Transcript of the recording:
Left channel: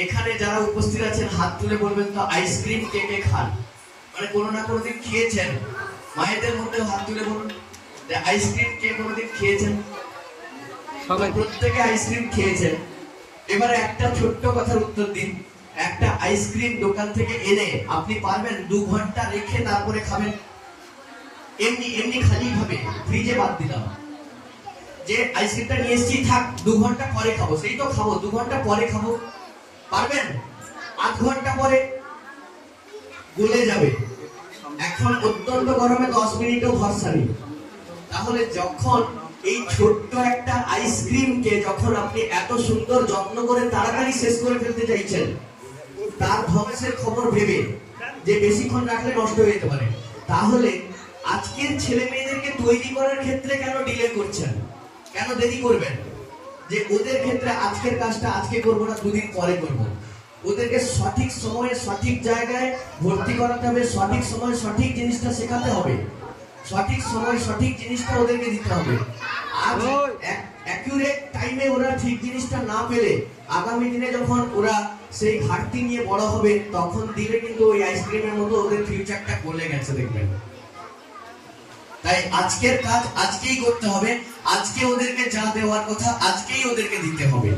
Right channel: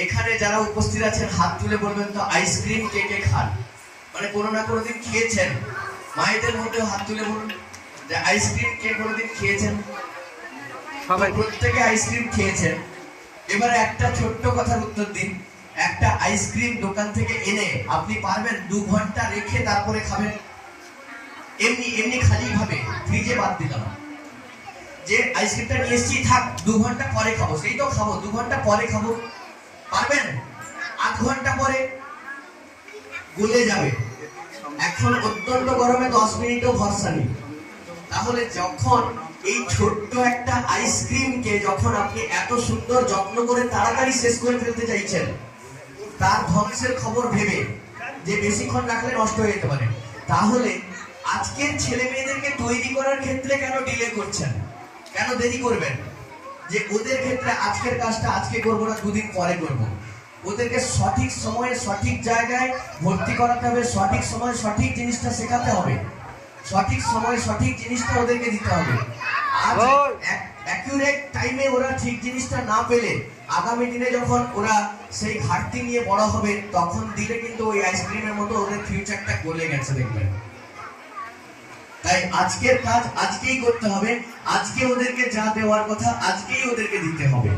এখানে যারা উপস্থিত আছেন হাত তুলে বলবেন তো আইসক্রিম কে কে খান, মানে কোনো না কোনো দিন খেয়েছেন। মায়েদের মধ্যেও হাত তুলে বলুন যে আইসক্রিম কে কোনোদিন খেয়েছেন। সবাই প্রত্যেকে আইসক্রিম খেয়েছেন। এবারে একটা ছোট্ট কথার উত্তর দিন, একটা আইসক্রিম দোকান থেকে এনে আপনি পারবেন 2 ঘন্টা রেখে তারপরে খাবেন? এমনি এমনি খালি ভাবে ফ্রিজে বাদ দিলাম যে আইসক্রিমটা নিয়ে এসেছি, থাক 2 ঘন্টা পরে খাবো, সেই তো খাবো 2 ঘন্টা পরে খাবো, পারবেন? 8 ঘন্টা পরে গলে যাবে। এখন অত্যন্ত গরমে 10 মিনিটও ভরসা নেই। তাহলে যখন এই ছোট্ট একটা আইসক্রিমকে যখন আপনি এত সুন্দর যত্ন করে তাড়াতাড়ি শেষ করে ফেলতে চাইছেন, তার ধ্বংসের খবর ভেবে যে বেশিক্ষণ রাখলে নষ্ট হয়ে যেতে পারে, তাহলে আজকের ছেলে মেয়েদেরকে তৈরি করার ক্ষেত্রে কেন ডিলে করছেন, কেন দেরি করবেন? যে ওদের ক্ষেত্রে আজকের কাজটা আজকে করবো না, 2 দিন পরে করবো। ওদেরকে সঠিক সময়ে সঠিক জায়গায় ভর্তি করাতে হবে, সঠিক সময়ে সঠিক জিনিসটা শেখাতে হবে, সঠিক সময়ে সঠিক জিনিসটা ওদেরকে দিতে হবে। আজ অ্যাকুরেট টাইমে ওরা ঠিক জিনিসটা না পেলে আগামী দিনে যখন ওরা সেই ঘাটতি নিয়ে বড় হবে, তখন দিলে কিন্তু ওই আইসক্রিমের মতো ওদের ফিউচারটা গলে গেছে দেখবেন। তাই আজকের কাজ আজকেই করতে হবে, আজকে ওদেরকে যা দেওয়ার কথা আজকেই ওদেরকে দিতে হবে।